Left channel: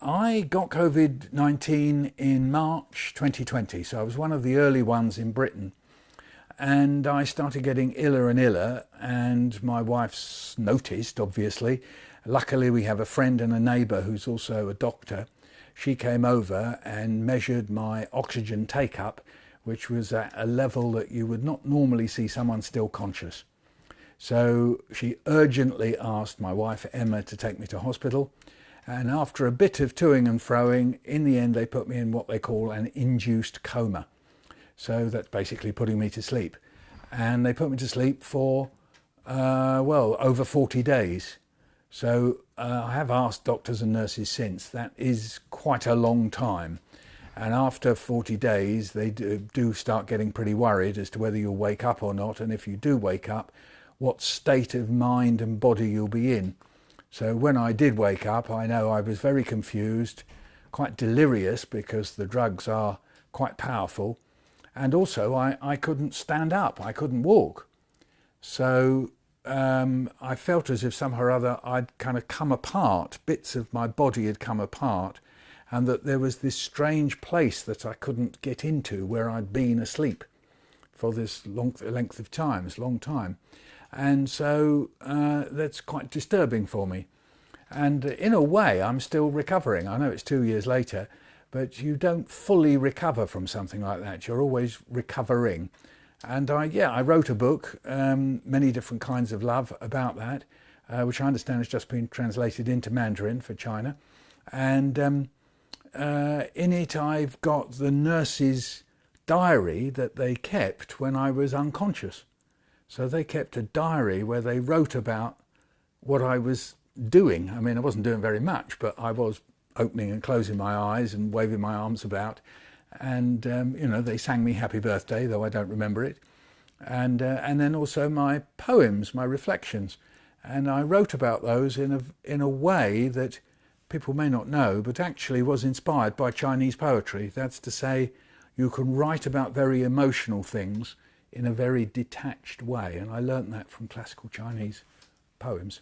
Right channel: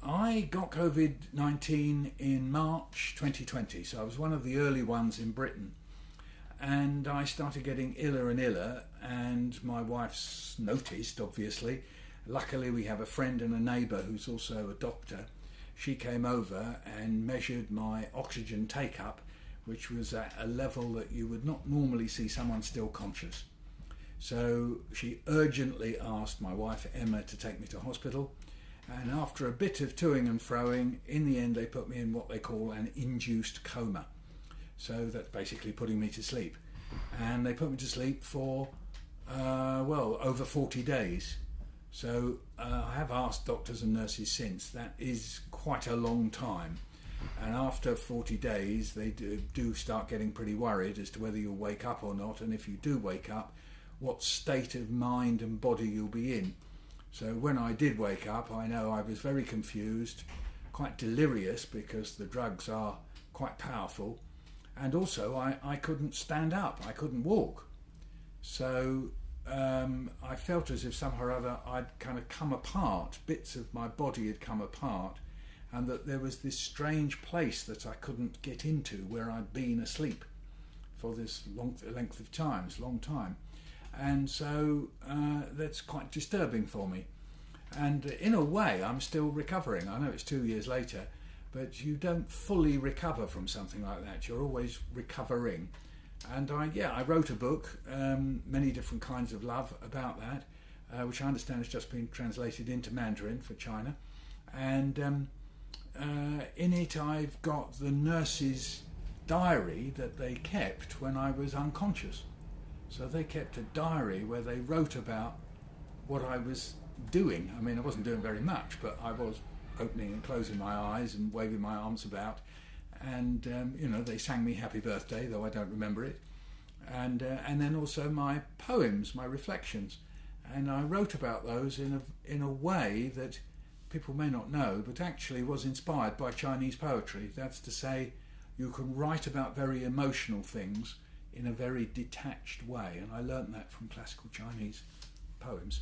I got COVID-19 in March 2020, so I was one of the early ones in Britain. And I started getting iller and iller, and my wife's noticed, obviously. Luckily, we have a friend and a neighbour who's also a doctor. She came over and measured my oxygen take-up, which was at a level that you would not normally see someone still conscious. So she urgently asked my wife, Emma, to take me to hospital. And after a bit of toing and froing, in the end they put me in what they call an induced coma. So that's basically putting me to sleep. And they put me to sleep for, over 40 days. So I have asked doctors and nurses since. That is quite a long time. And after 40 days, they do start getting pretty worried as to whether you'll wake up or not. And if you do wake up, what state of mind and body you'll be in. So when I did wake up, I know I was very confused, quite delirious because the drugs are quite powerful. And also I couldn't stand up, I couldn't walk. So I felt as if somehow or other I'd kind of come apart, bits of my body had come apart, and that there was this strange place that I couldn't get into where I'd been asleep for this long time. And so that's quite disturbing for me. And in a way, I'm still recovering. I know it's 2 years later, but you don't fully recover from something like that. You're always recovering. And I wrote a book, Many Different Kinds of Love, about that, which I understand has just been translated into Mandarin for China. And in it, I've got the nurse's diary that they kept when I was unconscious. So they kept a diary where they wrote about what I was doing. I mean, I wasn't doing very much, but I was opening and closing my eyes and waving my arms about. And, they sang me happy birthday, though I don't remember it. And then also my poems, my reflections. And I wrote about those in a way that people may not know, but actually was inspired by Chinese poetry. That's to say, you can write about very emotional things in a very detached way, and I learnt that from classical Chinese poems.